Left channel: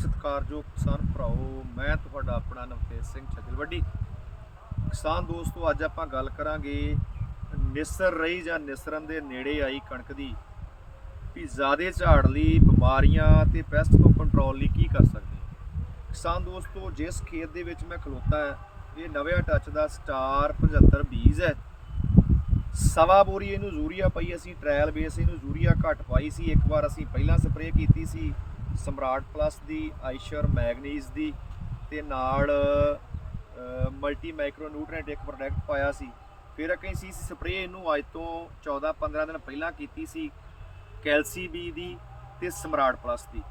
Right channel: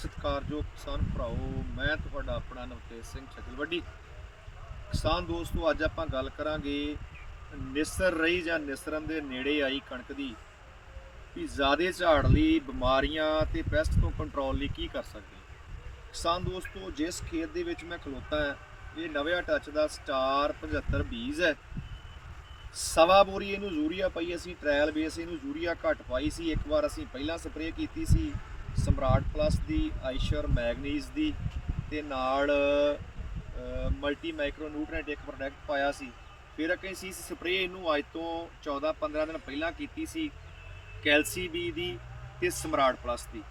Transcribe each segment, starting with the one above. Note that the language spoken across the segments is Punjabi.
ਸਤਿਕਾਰਯੋਗ ਕਿਸਾਨ ਭਰਾਓ, ਮੈਂ ਤੁਹਾਡਾ ਆਪਣਾ ਨਵਤੇਜ ਸਿੰਘ ਛਜਲਵੱਡੀ ਕਿਸਾਨ ਦੋਸਤੋ, ਅੱਜ ਆਪਾਂ ਗੱਲ ਕਰਾਂਗੇ ਨਿਸਰ ਰਹੀ ਜਾਂ ਨਿਸਰਨ ਦੇ ਨੇੜੇ ਆਈ ਕਣਕ ਦੀ, ਵੀ ਜ਼ਿਆਦੇ ਝਾੜ ਲਈ, ਬਿਮਾਰੀਆਂ ਤੇ ਪੈਸਟ ਤੋਂ ਕੰਟਰੋਲ ਲਈ ਕੀ ਕਰ ਸਕਦੇ ਕਿਸਾਨ ਦੋਸਤੋ, ਜਿਸ ਖੇਤ ਦੇ ਵਿੱਚ ਮੈਂ ਖਲੋਤਾ ਹਾਂ, ਇਹ ਨਵੇਂ ਟੱਚ ਦਾ ਸਟਾਰ 75 ਬੀਜ ਹੈ। ਸਵਾ ਬੋਰੀ ਇਹਨੂੰ ਯੂਰੀਆ ਪਈ ਅਸੀਂ ਟ੍ਰਾਇਲ ਬੇਸ ਇਹਨੂੰ ਯੂਰੀਆ ਘੱਟ ਪਾਈ ਸੀ, ਇੱਕ ਵਾਰ ਅਸੀਂ ਪਹਿਲਾਂ ਸਪਰੇਅ ਕੀਤੀ ਸੀ। ਸਮਰਾਟ ਪਲੱਸ ਦੀ, ਆਈਸ਼ਰ ਮੈਗਨੀਜ਼ ਦੀ ਤੇ ਨਾਲ ਮਲਟੀ ਮਾਈਕਰੋ ਨਿਊਟ੍ਰੀਐਂਟ ਇੱਕ ਪ੍ਰੋਡਕਟ ਪਾਇਆ ਸੀ। ਫਿਰ ਅਸੀਂ ਸੀ ਸਪਰੇਅ ਇਹਨੂੰ ਅੱਜ ਤੋਂ 14 15 ਦਿਨ ਪਹਿਲਾਂ ਕੀਤੀ ਸੀ ਕੈਲਸੀ ਬੀ ਦੀ ਤੇ ਸਮਰਾਟ ਪਲੱਸ ਦੀ।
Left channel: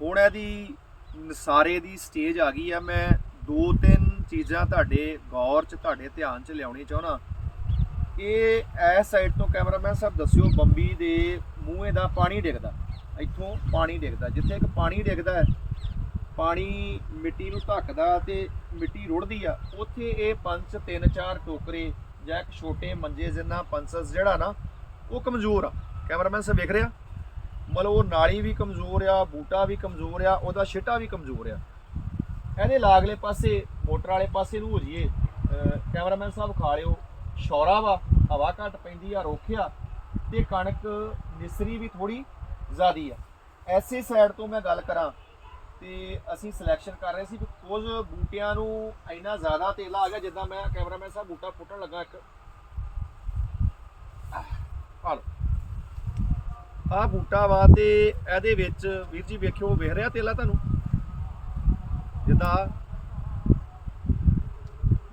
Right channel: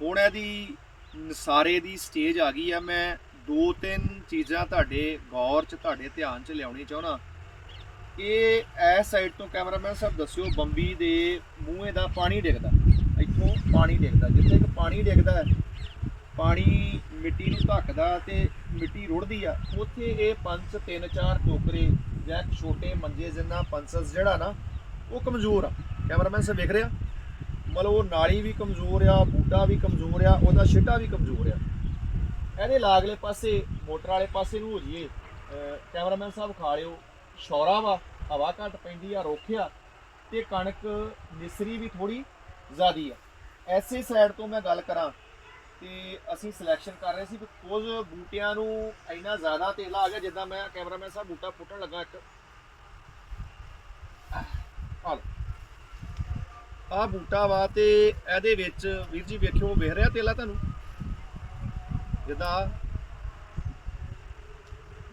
ਹੁਣ ਇਹਦੀ ਨਸਾਰੇ ਦੀ ਸਟੇਜ ਆ ਗਈ ਆ। ਮੈਂ ਦੋ ਤਿੰਨ ਚੀਜ਼ਾਂ ਤੁਹਾਡੇ ਗੌਰ 'ਚ, ਤੁਹਾਡੇ ਧਿਆਨ 'ਚ ਲਿਆਉਣੀ ਚਾਹਣਾ ਇਹ ਐਸ ਸਾਈਡ ਤੋਂ ਕੈਮਰਾਮੈਨ ਸਾਹਿਬ ਦੱਸਿਓ, ਬੰਬੀ ਦੇ ਮੂੰਹੇ ਦਾ ਪਾਣੀ ਡਿੱਗਦਾ। ਇੱਥੋਂ ਪਾਣੀ ਡਿੱਗਦਾ, ਜਿੱਥੇ ਇੱਕ ਪਾਣੀ ਡਿੱਗਦਾ ਪਾਣੀ ਮਿੱਟੀ ਨੂੰ ਧੱਕਦਾ ਤੇ ਮਿੱਟੀ ਰੁੜਦੀ ਆ, ਉੱਥੇ ਇਹ ਪੰਜ, ਤਿੰਨ, ਚਾਰ ਟੋਕਰੇ ਜਾਂ ਇੱਕ ਛੋਟੇ ਮੰਜੇ ਜਿੰਨਾ ਪੰਸਸ ਜਿਹੜਾ ਨਾ, ਉਹ ਕਮਜ਼ੋਰ ਆ। ਕੈਮਰਾਮੈਨ ਸਾਹਿਬ ਵੇਖ ਰਿਹਾ? ਮਤਲਬ ਉਹ ਨਾਲੀ ਵੀ ਕਮਜ਼ੋਰ ਆ, ਬੂਟਾ ਵੀ ਕਮਜ਼ੋਰ ਆ, ਉਹਦਾ ਛਿੱਟਾ ਵੀ ਕਮਜ਼ੋਰ ਆ। ਇਹਦੇ ਲਾਗਲੇ ਪਾਸੇ, ਮੋਟਰ ਵਾਲੇ ਪਾਸੇ ਨੂੰ ਹੋ ਜੀਏ ਕੈਮਰਾਮੈਨ ਸਾਹਿਬ ਖਾ ਲਿਓ। ਸ਼ੌਰਾ ਵਾ, ਹਵਾ ਘੱਟ ਪੈਂਦੀ ਆ ਰੋਖਿਆ ਤੇ ਕਣਕ ਨਿਸਰੀ ਵੀ ਥੋੜੀ ਜ਼ਿਆਦੀ ਆ। ਐਸੇ ਸਾਈਡ ਤੋਂ ਮੈਂ ਗੱਲ ਕਰਾਂ ਤੇ ਅਸੀਂ ਸਿਲੈਕਸ਼ਨ ਕਰ ਰਹੇ ਸੀ ਕਿ ਕੁਝ ਬੂਟਿਆਂ ਨੂੰ ਇੰਨਾ ਜ਼ਿਆਦਾ ਤੇਲਾ ਆ ਗਿਆ, ਜਿੱਦਾਂ ਮੈਂ ਕੈਮਰਾਮੈਨ ਸਾਹਿਬ ਬੂਟਾ ਫੁੱਟਣ ਲੱਗਾ ਇੱਕ। ਆ ਲਓ। ਆ ਬੂਟਾ ਵਾ ਤੇ ਇਹਦੇ ਵਿੱਚ, ਵੀਰ ਜੀ ਵੇਖਿਓ, ਵੇਖ ਰਿਹਾ ਤੇਲਾ ਤੁਹਾਨੂੰ? ਜਿੱਦਾਂ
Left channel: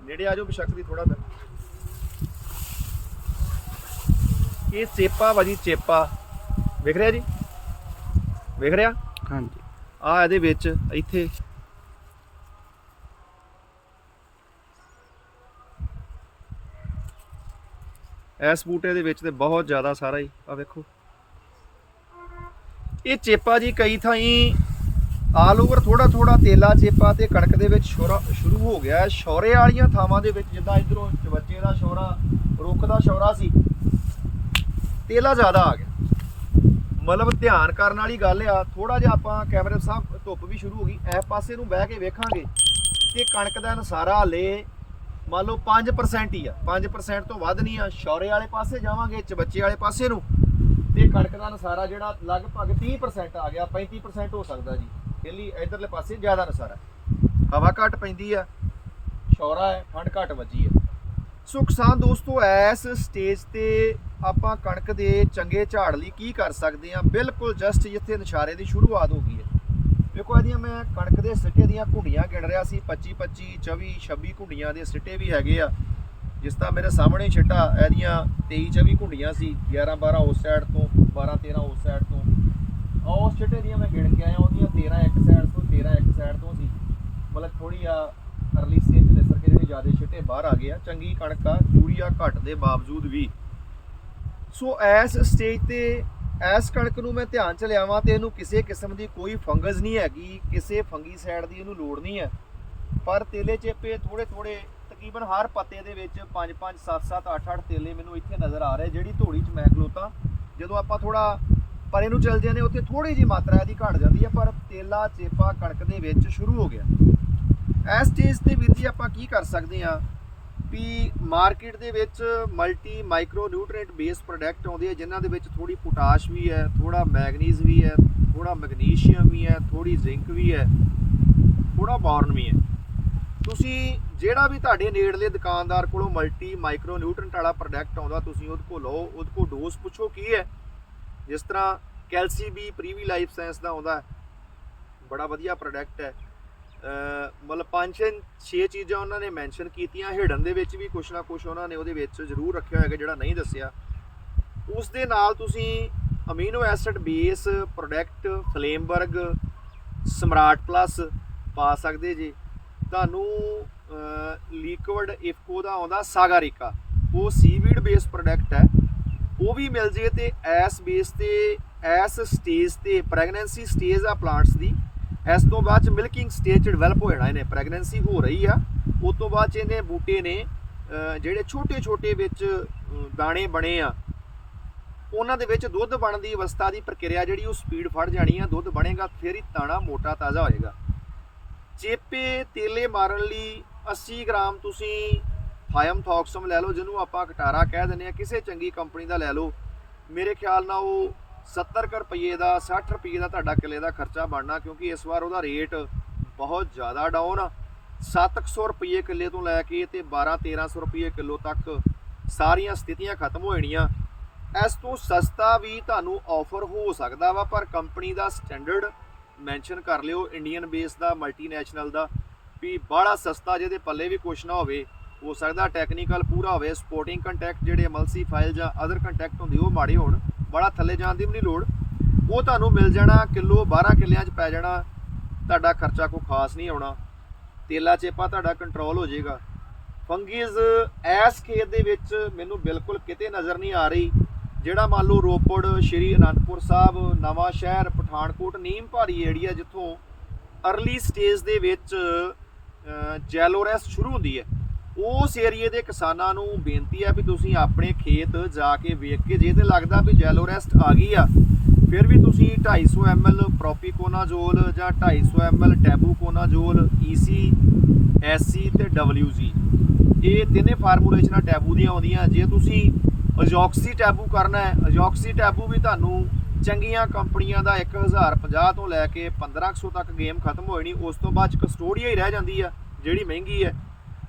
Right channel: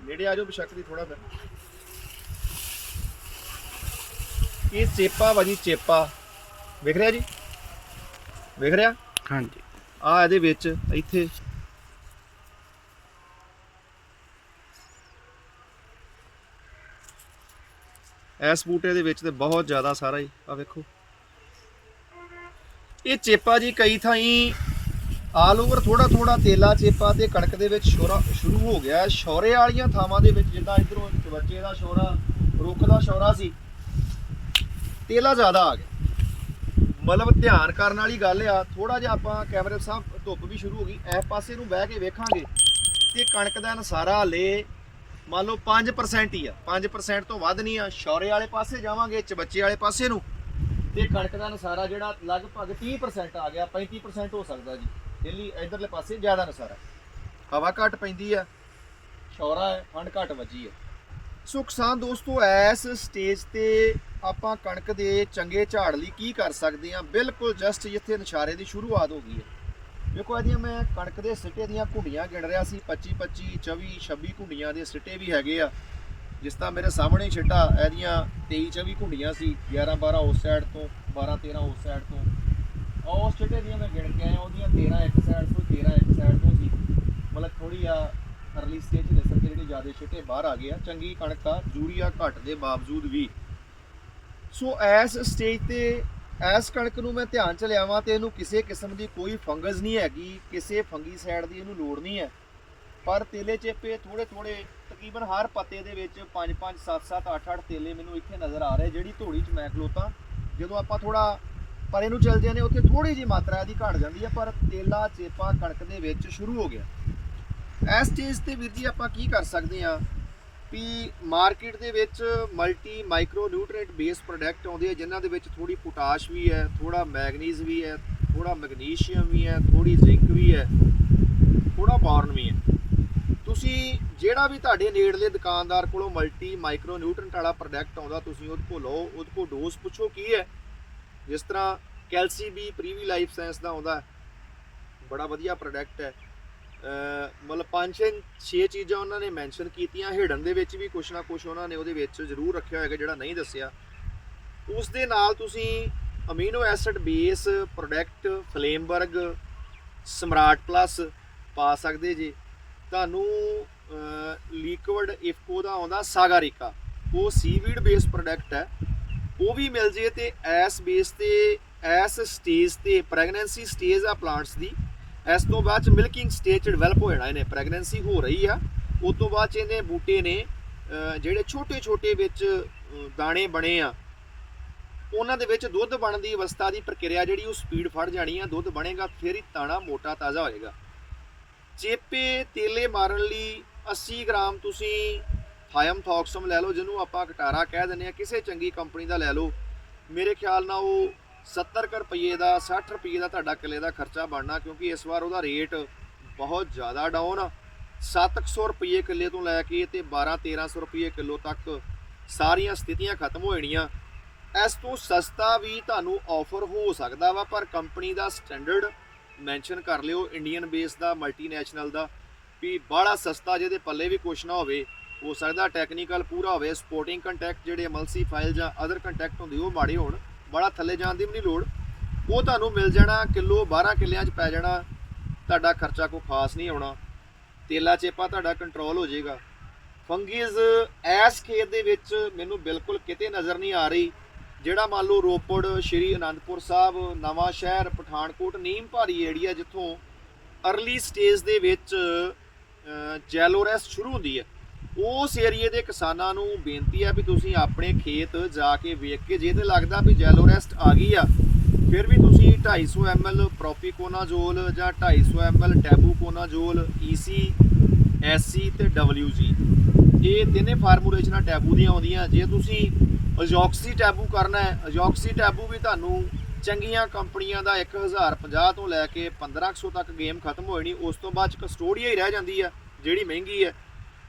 ਨੇੜੇ ਆ ਜਾਓ ਬਸ਼ੱਕ ਦੀ ਥੋੜਾ ਫਿਰ ਇਹ ਚੇਪਾ ਵਾ ਜੀ, ਚੇਪਾ। ਵੇਖ ਰਿਹਾ ਜੀ? ਵੇਖ ਰਿਹਾ? ਹਾਂਜੀ। ਆ ਇਹਦੇ ਵਿੱਚ ਇੱਥੇ। ਇਸ ਬੂਟੇ ਦੇ ਵਿੱਚ ਤੇ ਬਹੁਤ ਜ਼ਿਆਦਾ ਸਾਰਾ ਹੀ ਆ ਵੇਖੋ। ਇਹ ਚੇਪਾ ਜੀ ਕਈ ਥਾਈਂ ਆਲ ਓਵਰ ਥੋੜਾ ਥੋੜਾ ਤੇਲਾ ਚੇਪਾ ਤੇ ਕਣਕ ਦੇ ਵਿੱਚ ਸ਼ੋਰਾ ਸ਼ੁਰੂ ਹੋ ਗਿਆ। ਹੈ। ਸ਼ੌਰੇ ਵਾਲੀਆਂ ਥਾਵਾਂ ਦੇ ਵਿੱਚ ਜਿੱਦਾਂ ਇਧਰੋਂ ਚਵੱਚੇ ਦਾ ਸ਼ੌਰਾ ਰੁੱਖ ਦਾ ਸ਼ੌਰਾ ਸੀ। ਤੇਲਾ ਜ਼ਿਆਦਾ ਆ ਗਿਆ। ਮਤਲਬ ਧਿਆਨ ਕਰਨ ਵਾਲੀ ਗੱਲ ਆ ਥੋੜਾ ਜਿਹਾ ਆਪਾਂ ਕੈਮਰੇ ਸਾਹਿਬ ਧੁੱਪ ਵੀ ਸ਼ੁਰੂ ਹੋ ਗਈ, ਇਸ ਪਾਸੇ ਨੂੰ ਬਹਿ ਕੇ ਵੇਖਾਂਗੇ ਕਿ ਕਣਕ ਦਾ ਨਸਾਰਾ ਹਲੇ ਮੰਨ ਲਓ 5% ਹੀ ਆ 5% ਤੋਂ ਵੱਧ ਨਹੀਂ ਆ ਸ਼ੌਰੇ ਵਾਲੇ ਪਾਸੇ ਜਾਵਾਂਗੇ ਚਬੱਚੇ ਵਾਲੇ ਪਾਸੇ ਨੂੰ, ਤੇ ਕਣਕ ਦਾ ਨਸਾਰਾ ਜਿਹੜਾ ਲਗਭਗ 30% ਆ ਗਿਆ 35% ਹੋ ਸਕਦਾ ਜੀ, ਦਿੱਲੀ ਇਧਰਲੇ ਪਾਸੇ ਜ਼ਿਆਦਾ ਨਸਾਰਾ ਹਵਾ ਘੱਟ ਪੈਂਦੀ ਆ ਸ਼ੌਰਾ ਹੈ, ਠੰਡ ਘੱਟ ਵੱਜੀ ਆ। ਸੋ ਕਿਸਾਨ ਦੋਸਤੋ, ਇਸ ਸਟੇਜ ਤੇ ਆਪਾਂ ਕਣਕ ਦੇ ਚੰਗੇ ਝਾੜ ਲਈ ਕੀ ਕਰ ਸਕਦੇ ਆ ਬਿਲਕੁਲ ਜਸਟ ਜਿੱਥੇ ਨਿਸ਼ਾਰੇ ਦੀ ਸ਼ੁਰੂਆਤ ਹੋ ਗਈ ਹੈ। ਵੇਖੋ, ਇਹਦੀਆਂ ਮੈਂ ਕਣਕ ਦੇ ਸਿੱਟੇ ਦੀਆਂ ਘੁੰਡੀਆਂ ਗਿਣ ਰਿਹਾ ਸੀ 25 25 24 26 ਘੁੰਡੀਆਂ ਦੇ ਸਿੱਟੇ ਵੀ ਹੈਗੇ ਆ। ਜਿਸ ਤਰ੍ਹਾਂ ਮੇਰੇ ਸਾਹਮਣੇ ਛਿੱਟਾ, ਇਹਦੀਆਂ 23 24 ਘੁੰਡੀਆਂ ਸੀ 11 12 ਉਸ ਸਾਈਡ ਤੋਂ 12 13 ਉਸ ਸਾਈਡ ਤੋਂ। ਉਸ ਛਿੱਟੇ ਦੀਆਂ ਮੈਂ ਗਿਣ ਕੇ ਆਇਆ, ਉਹਦੀਆਂ 13 ਇੱਕ ਸਾਈਡ ਤੋਂ 13 ਇੱਕ ਸਾਈਡ ਤੋਂ ਸੀ। ਮਤਲਬ ਥੋੜੀ ਆ ਅਰਲੀ ਸਟੇਜ ਨਿਸਰ ਕੇ ਜਿਹੜੇ ਜ਼ਿਆਦਾ ਛਿੱਟੇ ਬਾਹਰ ਆ ਗਏ ਆ, ਚੰਗੀ ਕਣਕ ਆ ਯੂਰੀਆ ਘੱਟ ਦੇ ਬਾਵਜੂਦ ਵੀ। ਸੋ ਇਸ ਸਟੇਜ ਤੇ, ਇਸ ਕਣਕ ਨੂੰ ਮੈਂ ਧਿਆਨ ਚ ਲਿਆਵਾਂ ਤੇ ਇਹਨੂੰ ਕਿਸੇ ਕਿਸਮ ਦੀ ਕੋਈ ਫੰਗਸ ਨਹੀਂ ਹੈਗੀ, ਕਿਸੇ ਫੰਗੀ ਸਾਈਡ ਦੀ ਇਹਨੂੰ ਲੋੜ ਨਹੀਂ ਹੈ। ਪਰ ਤੇਲੇ ਚੇਪੇ ਥੋੜੇ ਥੋੜੇ ਤਕਰੀਬਨ ਹਰ ਪੱਤੇ ਦੇ ਵਿੱਚ 5 5 7 7 8 8 ਤੇਲੇ ਮੈਨੂੰ ਇੱਥੇ ਨਜ਼ਰ ਆ ਰਹੇ, ਜਿਹੜੀ ਧੂੜੀ ਚ ਮੈਂ ਖਲੋਤਾ। ਜਦੋਂ ਆਪਾਂ ਥੋੜਾ ਪਰੇ ਨੂੰ ਚੱਲ ਜਾਂਦੇ ਉੱਥੇ ਥੋੜੀ ਜੀ ਮਾਤਰਾ ਇਹਦੀ ਘਟ ਜਾਂਦੀ ਹੈ, ਪਰ ਤੇਲਾ, ਚੇਪਾ ਕਣਕ ਦੇ ਵਿੱਚ ਸ਼ੁਰੂ ਹੋ ਗਿਆ। ਇਸ ਸਟੇਜ ਤੇ ਵੀਰ ਜੀ ਆਪਾਂ ਕੀ ਕਰ ਸਕਦੇ ਆ ਵੀ ਮਾਰਕੀਟ ਦੇ ਵਿੱਚ multi micro nutrient base product ਆਉਂਦੇ ਆ, ਜਿਨ੍ਹਾਂ ਦੇ ਵਿੱਚ ਥੋੜੀ ਪੋਟਾਸ਼ ਵੀ ਹੈ ਥੋੜਾ ਮੈਗਨੀਜ਼ ਵੀ ਹੈ ਥੋੜਾ ਮੈਗਨੀਸ਼ੀਅਮ ਵੀ ਹੈ ਥੋੜੀ ਜ਼ਿੰਕ ਵੀ ਹੈ ਥੋੜਾ ਬੋਰਨ ਵੀ ਹੈ। ਤੁਸੀਂ ਜਿਹੜਾ ਵੀ ਤੁਹਾਡੇ ਨੇੜਲੇ ਦੁਕਾਨਦਾਰ ਕੋਲੋਂ ਮਲਟੀ ਮਾਈਕਰੋ ਨਿਊਟ੍ਰੀਐਂਟ ਵਾਲਾ ਪ੍ਰੋਡਕਟ ਆਉਂਦਾ, ਤੁਸੀਂ ਉਹਦੇ ਕੋਲ ਲਓ, ਉਹਦੇ ਕੋਲ ਡੋਜ਼ ਪੁੱਛੋ ਕੀ ਹੈ। ਜਿਸ ਤਰ੍ਹਾਂ ਕੈਲਸੀ ਵੀ ਪ੍ਰੀਵੀ ਲਾਈਫ ਸਾਇੰਸ ਦਾ ਆਉਂਦਾ, ਬੜਾ ਵਧੀਆ ਪ੍ਰੋਡਕਟ ਹੈ। ਮਤਲਬ ਪੰਜ ਛੇ ਛੇ ਚੀਜ਼ਾਂ ਉਹਨਾਂ ਨੇ ਮੈਂਸ਼ਨ ਕੀਤੀਆਂ। ਹਿਡਨ ਦੇ ਵਿੱਚ ਵੀ ਕੁਛ ਨਾ ਕੁਛ ਉਹਨਾਂ ਨੇ ਉਹਦੇ ਵਿੱਚ ਜ਼ਰੂਰ ਰੱਖਿਆ ਹੋਏਗਾ ਜਿਹੜਾ ਨਹੀਂ ਦੱਸਿਆ। ਉਸ ਦੇ ਨਾਲ ਤੁਸੀਂ ਅਮੀਨੋ ਐਸਿਡ ਬੇਸ ਪ੍ਰੋਡਕਟ ਫਲੇਮਬਰਗ ਸਮਰਾਟ ਪਲੱਸ ਪਾ ਸਕਦੇ ਜੀ। ਤੁਹਾਨੂੰ ਲਿਕਵਿਡ ਇਫਕੋ ਦਾ ਆਉਂਦਾ ਸਾਗਾਰਿਕਾ। ਉਹ ਸੀਵੀਡ ਬੇਸ ਪ੍ਰੋਡਕਟ ਹੈ। ਉਹ ਵੀ ਮਿਲ ਜੇ ਤੇ ਐਸ ਬੇਸ ਤੇ ਐਸ ਸਟੇਜ ਤੇ ਪ੍ਰੈਗਨੈਂਸੀ ਸਟੇਜ ਆ ਪਲਾਂਟਸ ਦੀ। ਇਸ ਤੋਂ ਬਾਅਦ ਚ ਮਿਲਕਿੰਗ ਸਟੇਜ ਚ ਡਿਵੈਲਪ ਹੋ ਜਾਣਾ, ਇਹਨੇ ਪ੍ਰੈਗਨੈਂਸੀ ਹੋ ਰਹੀ ਆ। ਉਸ ਤੋਂ ਬਾਅਦ ਚ ਇਹਨੇ ਬੂਟੇ ਨੇ ਜਿਹੜੇ ਛੋਟੇ ਛੋਟੇ ਵਿੱਚ ਦਾਣੇ ਬਣੇ ਆ, ਉਹਨਾਂ ਦੇ ਵਿੱਚ ਦੁੱਧ ਬਣਨ ਦੀ ਅਵਸਥਾ ਦੀ ਪ੍ਰਕਿਰਿਆ ਜਿਹੜੀ ਉਹ ਸਪੀਡ ਫੜ ਜਾਣੀ ਆ, ਦੁੱਧ ਬਣੇਗਾ, ਫਿਰ ਹੀ ਤਾਣਾ ਮੋਟਾ ਤਾਜ਼ਾ ਹੋਏਗਾ ਚੇਪੇ ਤੇਲੇ ਮਾਰਨ ਲਈ 80 ਗ੍ਰਾਮ ਤੁਸੀਂ ਥਾਇਮ ਥੌਕਸਮ ਲੈ ਲਓ, ਜਿਹਨੂੰ ਆਪਾਂ ਕਟਾਰਾ ਕਹਿ ਦਿੰਦੇ ਆ, ਕਿਸੇ ਚੰਗੀ ਕੰਪਨੀ ਦਾ ਲੈ ਲਓ। ਮੇਰੇ ਖਿਆਲ ਨਾਲ ਉਹ 70 ਕੁ ਰੁਪਏ ਦਾ 60 ਰੁਪਏ ਦਾ ਤੁਹਾਡਾ ਕਿੱਲੇ ਦਾ ਖਰਚਾ ਬਣਨਾ ਕਿਉਂਕਿ ਇਸ ਵਾਰ ਉਹਦਾ ਰੇਟ ਬਹੁਤ ਜ਼ਿਆਦਾ ਡਾਊਨ ਆ। 700 ਰੁਪਏ ਕਿੱਲੇ ਤੋਂ ਲੈ ਕੇ ਤੇ 12 1300 ਰੁਪਏ ਕਿਲੋ ਤੱਕ ਸਾਰੀਆਂ ਸਥਿਤੀਆਂ ਖਤਮ ਹੋ ਜਾਣੀਆਂ। ਇਸ ਤੋਂ ਸਸਤਾ ਵੀ ਤੁਹਾਨੂੰ ਆਫਰ ਹੋ ਸਕਦਾ ਵਾ, ਪਰ ਕੰਪਨੀ ਦਾ ਸਟੈਂਡਰਡ ਮੈਂਸ਼ਨ ਕਰ ਲਿਓ ਇੰਡੀਅਨ ਬੇਸ ਦਾ ਮਲਟੀਨੈਸ਼ਨਲ ਦਾ, ਵੀ ਬੜਾ ਸਸਤਾ ਜਿਹਦੇ ਪੱਲੇ ਵੀ ਕੁਛ ਨਾ ਹੋਵੇ। ਹੋ ਸਕਦਾ ਟੈਕਨੀਕਲ ਪੂਰਾ ਹੋਵੇ ਸਪੋਰਟਿੰਗ ਕੰਟੈਕਟ ਜਿਹੜੇ ਐਮਐਲਸੀ ਫਾਈਲ ਜਾਂ ਅਦਰ ਕੰਟੈਕਟ ਹੁੰਦੇ, ਉਹ ਮਾੜੇ ਹੋਣ। ਬੜਾ ਥੱਲੇ ਜਾਣ ਦੀ ਵੀ ਨਹੀਂ ਲੋੜ। ਉਹ ਤੁਹਾਨੂੰ ਮਿਲ ਜਾਣਾ, ਕਿਲੋ 12 ਕਿੱਲਿਆਂ 'ਚ ਪੈ ਜਾਣਾ। ਤੁਹਾਡਾ ਖਰਚਾ ਕੋਈ ਖਾਸ ਨਹੀਂ ਆਉਣਾ। ਤੇਲਾ ਚੇਪਾ ਤੁਹਾਡਾ ਕੰਟਰੋਲ ਹੋ ਜਾਏਗਾ। ਫੰਗੀਜ਼ ਐਸ ਖੇਤ ਦੇ ਵਿੱਚ ਮੈਨੂੰ ਬਿਲਕੁਲ ਕਿਤੇ ਨਜ਼ਰ ਨਹੀਂ ਆ ਰਹੀ। ਜਿਹੜਾ ਮੰਨ ਲਓ ਰੋਪੜ, ਸ਼੍ਰੀ ਅਨੰਦਪੁਰ ਸਾਹਿਬ, ਨਵਾਂ ਸ਼ਹਿਰ, ਪਠਾਨਕੋਟ, ਨੀਮ ਭਾਰੀ ਏਰੀਆ ਜਿੱਥੋਂ ਅਰਲੀ ਸਟੇਜ ਦੇ ਵਿੱਚ ਜੈਲੋਰੈਸ ਸ਼ੁਰੂ ਹੁੰਦੀ ਹੈ। ਉਸ ਏਰੀਏ ਦੇ ਕਿਸਾਨਾਂ ਨੂੰ ਬੇਨਤੀ ਹੈ ਵੀ ਤੁਸੀਂ ਆਪਣੇ ਖੇਤ ਜਾ ਕੇ ਵੇਖ ਕੇ, ਜੇ ਤੇ ਲੱਗਦਾ ਵੀ ਜੈਲੋਰੈਸਟ ਆ ਗਈ ਆ, ਫਿਰ ਵੀ ਤੁਸੀਂ 250 ml ਪ੍ਰੋਪੀਕੋਨਾਜ਼ੋਲ ਜਾਂ 250 ml ਟੈਬੂਕੋਨਾਜ਼ੋਲ EC SC ਤੇ WG ਇਹ ਤਿੰਨੇ ਫਾਰਮੂਲੇਸ਼ਨਾਂ ਟੈਬੂ ਦੀਆਂ ਆਉਂਦੀਆਂ। ਜੇ ਤੁਸੀਂ ਅਜੋਕਸੀ ਟੈਬੂ ਕਰਨਾ ਹੈ, ਅਜੌਕਸੀ ਟੈਬੂ ਵੀ ਤੁਹਾਨੂੰ ਚੰਗੀਆਂ ਕੰਪਨੀਆਂ ਦਾ 1050 ਤੋਂ ਲੈ ਕੇ 1500 ਤੱਕ ਗੇਮ ਖਤਮ ਹੋ ਜਾਣੀ, ਉਸ ਤੋਂ ਬਾਅਦ ਚ ਕਸਟੋਡੀਆ ਹੀ ਰਹਿ ਜਾਂਦੀ ਆ, ਜਿਹੜੀ ਮਹਿੰਗੀ ਹੈ।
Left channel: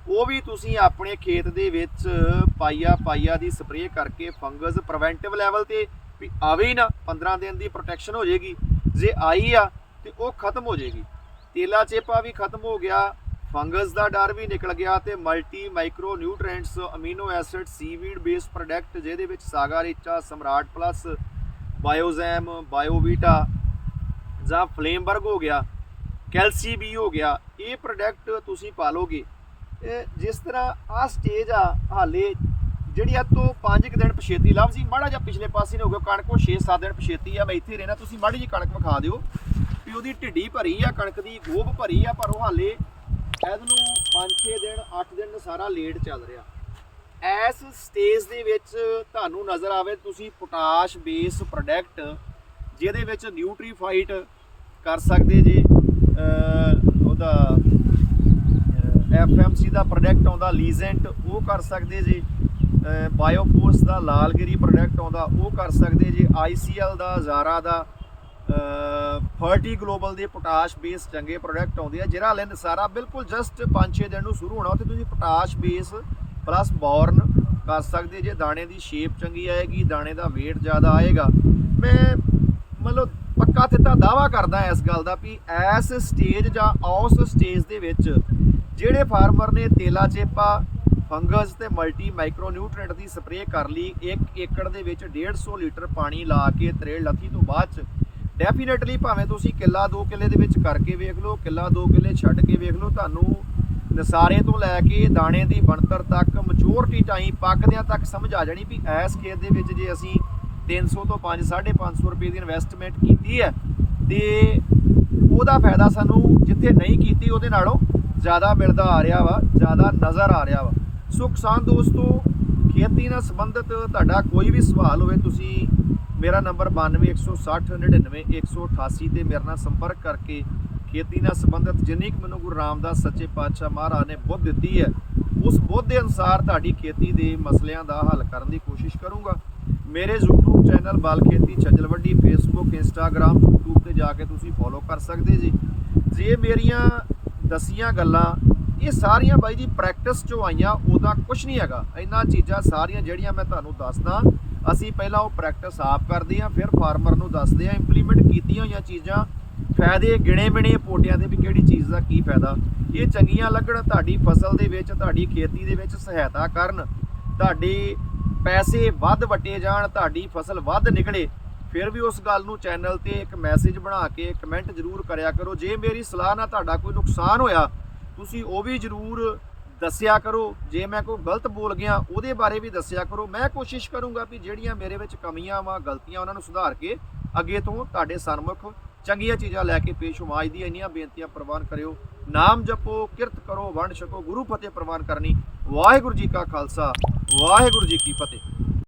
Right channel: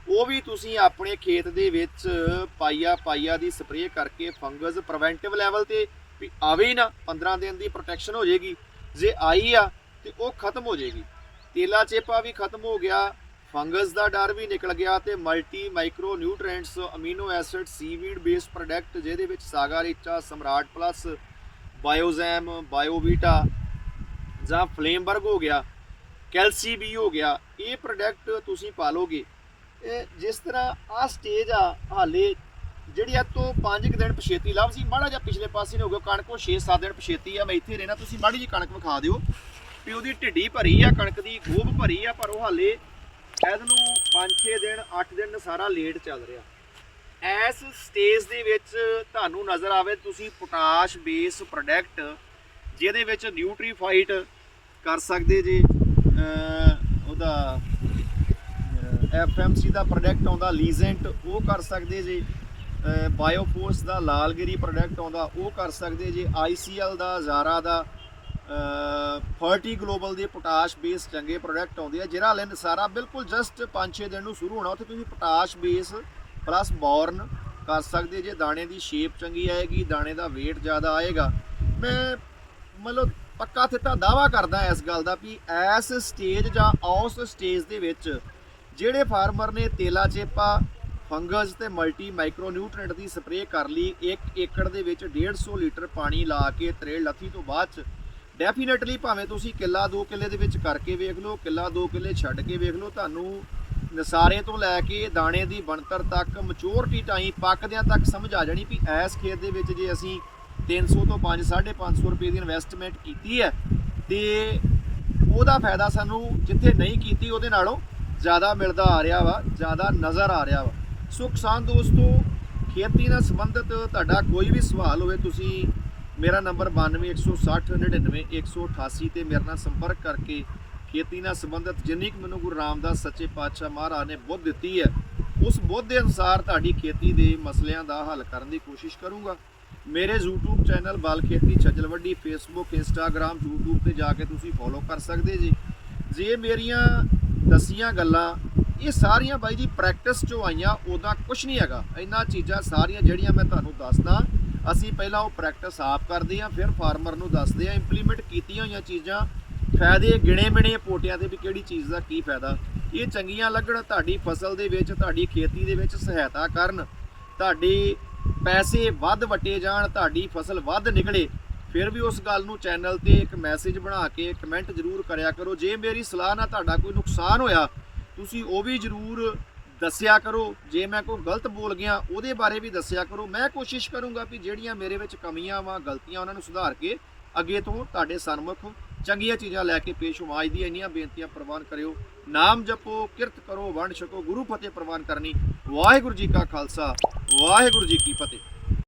ਉਹ ਵੀ ਤੁਸੀਂ ਆਪਣੇ ਖੇਤ ਦੇ ਵਿੱਚ ਪਾਈਆ ਪਾਈਆ ਦੀ ਸਪਰੇਅ ਕਰਕੇ ਫੰਗਸ ਪ੍ਰੀਵੈਂਟਿਵ ਲੈਵਲ ਤੇ ਵੀ ਆਵੇ ਹੀ ਨਾ 15 ਦਿਨ ਦੀ ਪ੍ਰੋਟੈਕਸ਼ਨ ਹੋ ਜਾਏਗੀ। ਜੇ ਆਈ ਆ ਤੇ ਉਹ ਖਤਮ ਹੋ ਜਾਏਗੀ। ਤੇਲਾ ਚੇਪਾ ਵੀ ਖਤਮ ਹੋ ਗਿਆ, ਫੰਗਸ ਦਾ ਡਰ ਵੀ ਨਿਕਲ ਗਿਆ ਤੇ multi micro nutrients amino acid seaweed base product ਜਿਹਦੇ ਵਿੱਚ ਸਾਗਾ ਰੀਚਾ, ਸਮਰਾਟ ਪਲੱਸ ਬਾਇਓਜ਼ੈਮ ਬਾਇਓਵੀਟਾ ਜਾਂ ਫਲੇਮਬਰਗ ਹੋ ਗਿਆ, ਕੈਲਸੀ ਵੀ ਹੋ ਗਿਆ, ਇਹ ਪ੍ਰੋਡਕਟ ਤੁਸੀਂ ਪਾਲੋਗੇ ਇਹ ਜਿਸ ਤਰ੍ਹਾਂ ਆ ਸਟੇਜ ਆ ਹਾਲੇ, ਜਿਹੜੀ ਆ ਤੋਂ 5 ਦਿਨ ਪਛੇਤੀ ਲੱਭ ਸੀ ਮਾੜਾ ਜਿਹਾ ਪਿਛਲੇ ਪਾਸੇ ਨੇ ਹੋ ਗਿਆ ਕਣਕ ਉਹ 6-7 ਦਿਨ ਪਛੇਤੀ ਆ, ਮੈਂ ਇੱਥੇ ਰਹਿਣਾ, ਤੁਸੀਂ ਮਾੜੀ ਜੀ ਕਣਕ ਵਿਖਾ ਦਿਓ। ਵੀ ਉਹਦੀ ਢਿੱਡੀ ਭਰੀ ਆ, ਕਣਕ ਦੀ ਗੋਭ ਭਰੀ ਆ, ਪਰ ਉਹ ਹਾਲੇ ਐਦ ਨੂੰ 5-6 ਦਿਨ 8 ਦਿਨ ਸਾਰਾ ਲੇਟ ਚੱਲ ਰਿਹਾ। ਐਸ ਸਟੇਜ ਦੇ ਵਿੱਚ ਤੁਹਾਨੂੰ ਨਜ਼ਰ ਆਵੇ, ਤੁਸੀਂ ਪੋਟਾਸ਼ ਬੇਸ ਪ੍ਰੋਡਕਟ ਜਿਹਦੇ ਵਿੱਚ ਨਿਊਟਰੀਫਾਈਟ ਕਰ ਸਕਦੇ ਜੇ ਉਹਦਾ ਐਫਐਮਸੀ ਦਾ ਪ੍ਰੋਡਕਟ ਆਉਂਦਾ ਲੀਜ਼ੈਂਟ ਉਹ ਕਰ ਸਕਦੇ ਜੇ। ਬਾਇਓਫੋਰਸ ਦਾ, ਲਾਲਗਿਰੀ ਪ੍ਰੋਡਕਟ ਆਉਂਦਾ, ਉਹ ਕਰ ਸਕਦੇ ਜੇ। ਆਈਸੀਐਲ ਦਾ ਜ਼ਾਰਾ ਦਾ ਫਰਟੀ ਗਲੋਬਲ ਦੇ ਪੋਟਾਸ਼ ਬੇਸ ਚੰਗੇ ਪ੍ਰੋਡਕਟ ਆਉਂਦੇ ਆ। ਜਿਹੜਾ ਲੈਨ ਸਾਰਾ, ਬਿਲਕੁਲ ਜਸਟ 5-6 ਦਿਨ ਨੂੰ ਸ਼ੁਰੂ ਹੋਣਾ, ਉੱਥੇ ਤੁਸੀਂ ਪੋਟਾਸ਼ ਬੇਸ ਪਲੱਸ ਬੌਰਨ ਕਰ ਸਕਦੇ ਜੇ। ਦਾਣੇ ਦੀ ਸ਼ੇਪ ਚੰਗੀ ਆਏਗੀ, ਦਾਣੇ ਦਾ weight ਜ਼ਿਆਦਾ ਆਏਗਾ। ਮੈਂ ਮਤਲਬ ਪੱਕਾ ਤਿੱਤਾ ਦਾਵਾ ਕਰਦਾ ਇਸ ਗੱਲ ਦਾ ਵੀ ਐਸ ਸਟੇਜ ਜਾਂ ਉਸ ਸਟੇਜ ਦੇ ਵਿੱਚ ਜਿਹੜੇ ਫਾਰਮਰ ਨੇ ਤੇਲਾ ਚੇਪਾ, ਫੰਗਸ ਤੇ ਮਲਟੀ ਮਾਈਕਰੋ ਨਿਊਟ੍ਰੀਐਂਟ ਦੀ ਸਪਰੇਅ ਕਰ ਲਈ 1 ਏਕੜ ਦੇ ਵਿੱਚ 150 ਲੀਟਰ ਪਾਣੀ ਲਾ ਕੇ ਤਰੇਲ ਲੱਥੀ ਤੋਂ ਬਾਅਦ ਚ, ਡੈਫੀਨਿਟਲੀ ਭਾਵੇਂ ਤੁਸੀਂ ਕਿੱਲਾ 2 ਕਿੱਲੇ ਦੇ ਵਿੱਚ ਕਰਕੇ ਵੇਖ ਲਓ, ਕਿੱਲਾ 2 ਕਿੱਲੇ ਛੱਡ ਕੇ ਵੇਖ ਲਓ, ਤੁਹਾਨੂੰ ਨਸਾਰੇ ਤੋਂ ਲੈ ਕੇ ਦਾਣੇ ਦੀ ਬਣਤਰ ਤੱਕ ਮੈਚੁਰਿਟੀ ਟਾਈਮ ਪੱਕਦਿਆਂ ਤੱਕ ਸਮਝ ਆ ਜਾਣੀ ਵੀ ਐਸ ਖੇਤ ਦੇ ਵਿੱਚ ਜੇ ਅਸੀਂ 300 ਤੋਂ 5 550 ਰੁਪਏ ਦੀ ਇਨਵੈਸਟਮੈਂਟ ਕੀਤੀ ਹੈ, ਤੇ ਉਹਦਾ ਫਾਇਦਾ ਸਾਨੂੰ ਜਿੱਥੇ ਨਹੀਂ ਕੀਤੀ ਉਹਦੇ ਨਾਲੋਂ ਜ਼ਿਆਦਾ ਮਿਲਦਾ ਆ ਰਿਹਾ ਵਾ, ਜ਼ਿਆਦਾ ਨਜ਼ਰ ਆ ਰਿਹਾ ਵਾ। ਸੋ ਕਿਸਾਨ ਦੋਸਤੋ, ਖੇਤੀ ਨਾਲ ਸੰਬੰਧਿਤ ਤੁਹਾਡਾ ਕੋਈ ਵੀ ਸਵਾਲ ਹੋਵੇ, ਤੁਸੀਂ ਮੇਰਾ ਨੰਬਰ 9216999188 ਤੇ ਮੇਰੇ ਨਾਲ ਸੰਪਰਕ ਕਰਕੇ ਖੇਤੀ ਨਾਲ ਸੰਬੰਧਿਤ ਜਿੰਨੀ ਕੁ ਮੈਨੂੰ ਗੁਰੂ ਰਾਮਦਾਸ ਸੱਚੇ ਪਾਤਸ਼ਾਹ ਮਹਾਰਾਜ ਨੇ ਬੁੱਧ ਦਿੱਤੀ ਹੈ, ਉਸ ਬੁੱਧ ਦੇ ਅਨੁਸਾਰ ਤੁਹਾਡੀ ਖੇਤੀ ਦੇ ਮਸਲਿਆਂ ਦਾ ਹੱਲ ਕਰਨ ਦੀ ਕੋਸ਼ਿਸ਼ ਕਰੂੰਗਾ। ਮੇਰੇ YouTube ਚੈਨਲ ਬਾਲ ਖੇਤੀ ਛੱਜਲਵੱਡੀ Facebook, Instagram, YouTube ਤੇ ਜਾ ਕੇ ਤੁਸੀਂ ਫੋਲੋ ਕਰ ਸਕਦੇ ਜੀ। ਜੇ ਮੇਰੀਆਂ ਦਸੀਆਂ ਗੱਲਾਂ, ਇਹ ਸਾਰੀਆਂ ਬਾਈ ਜੀ ਪ੍ਰੈਕਟਿਸ ਚੋਂ ਆਈਆਂ ਉਹਦਾ ਕੁਝ ਨਹੀਂ ਹੈਗਾ। ਇਹਨਾਂ ਚੀਜ਼ਾਂ ਸਾਰੀਆਂ ਜਿਹੜੀਆਂ ਮੈਂ ਤੁਹਾਨੂੰ ਦੱਸਦਾ, ਅਸੀਂ ਪਹਿਲਾਂ ਉਹ ਪ੍ਰੈਕਟਿਸ ਆਪ ਕਰਦੇ ਹਾਂ, ਫਿਰ ਫਾਰਮਰ ਨੂੰ ਦੱਸਦੇ ਹਾਂ ਇੰਪਲੀਮੈਂਟ ਕੀਤੀਆਂ ਹੋਈਆਂ ਚੀਜ਼ਾਂ। ਫਾਇਦੇ, ਗਿਣੇ ਮਿਣੇ ਪੋਟਿਆਂ ਦੇ ਵੀ ਕਿਹੜੀ ਚੀਜ਼ ਦਾ ਕੀ ਫਾਇਦਾ। ਇਹ ਚੰਗੀਆਂ ਲੱਗਣ, ਤੁਹਾਡੀ ਫਸਲ ਦੇ ਵਿੱਚ, ਤੁਹਾਡੀ ਖੇਤੀ ਦੇ ਵਿੱਚ ਸਹਾਇਤਾ ਕਰਨ। ਤੁਹਾਡੇ ਪੈਸੇ ਵੱਧ ਵਟੇ ਜਾਣ, ਤੁਹਾਡੀ ਫਸਲ ਵੱਧ ਨਿਕਲੇ। ਫਿਰ ਵੀ ਉਸ ਗੱਲ ਨੂੰ ਚੈਨਲ ਤੇ ਇੱਕ ਮੈਸੇਜ ਬਣਾ ਕੇ ਕਮੈਂਟ ਜ਼ਰੂਰ ਕਰਿਆ ਕਰੋ। ਜੇ ਮੇਰੀ ਸਲਾਹ ਨਾਲ ਤੁਹਾਡਾ ਕੋਈ ਨੁਕਸਾਨ ਹੋਇਆ, ਤੁਸੀਂ ਉਹ ਵੀ ਜ਼ਰੂਰ ਦੱਸਿਆ ਕਰੋ। ਜੇ ਮੈਂ ਕੋਈ ਗਲਤ ਬੋਲ ਗਿਆ, ਉਹਦੇ ਬਾਰੇ ਵੀ ਦੱਸਿਆ ਕਰੋ। ਮੈਂ ਕੋਸ਼ਿਸ਼ ਕਰੂੰਗਾ ਵੀ ਜਿਹੜੀਆਂ ਮੇਰੇ ਵਿੱਚ ਕਮੀਆਂ ਵਾ, ਗਲਤੀਆਂ ਉਹਨਾਂ ਨੂੰ ਸੁਧਾਰ ਕੇ ਅੱਗੇ ਤੋਂ ਤੁਹਾਡੇ ਸਨਮੁਖ ਚੰਗੀਆਂ ਚੀਜ਼ਾਂ ਲੈ ਕੇ ਪੇਸ਼ ਹੋਵਾਂ। ਅੱਜ ਦੀਆਂ ਇੰਨੀਆਂ ਬੇਨਤੀਆਂ ਪ੍ਰਵਾਨ ਕਰਿਓ। ਨਾਮ ਜਪੋ, ਕਿਰਤ ਕਰੋ, ਵੰਡ ਛਕੋ, ਗੁਰੂ ਫਤਿਹ ਪ੍ਰਵਾਨ ਕਰਨੀ। ਵਾਹਿਗੁਰੂ ਜੀ ਕਾ ਖਾਲਸਾ, ਵਾਹਿਗੁਰੂ ਜੀ ਕੀ ਫਤਿਹ।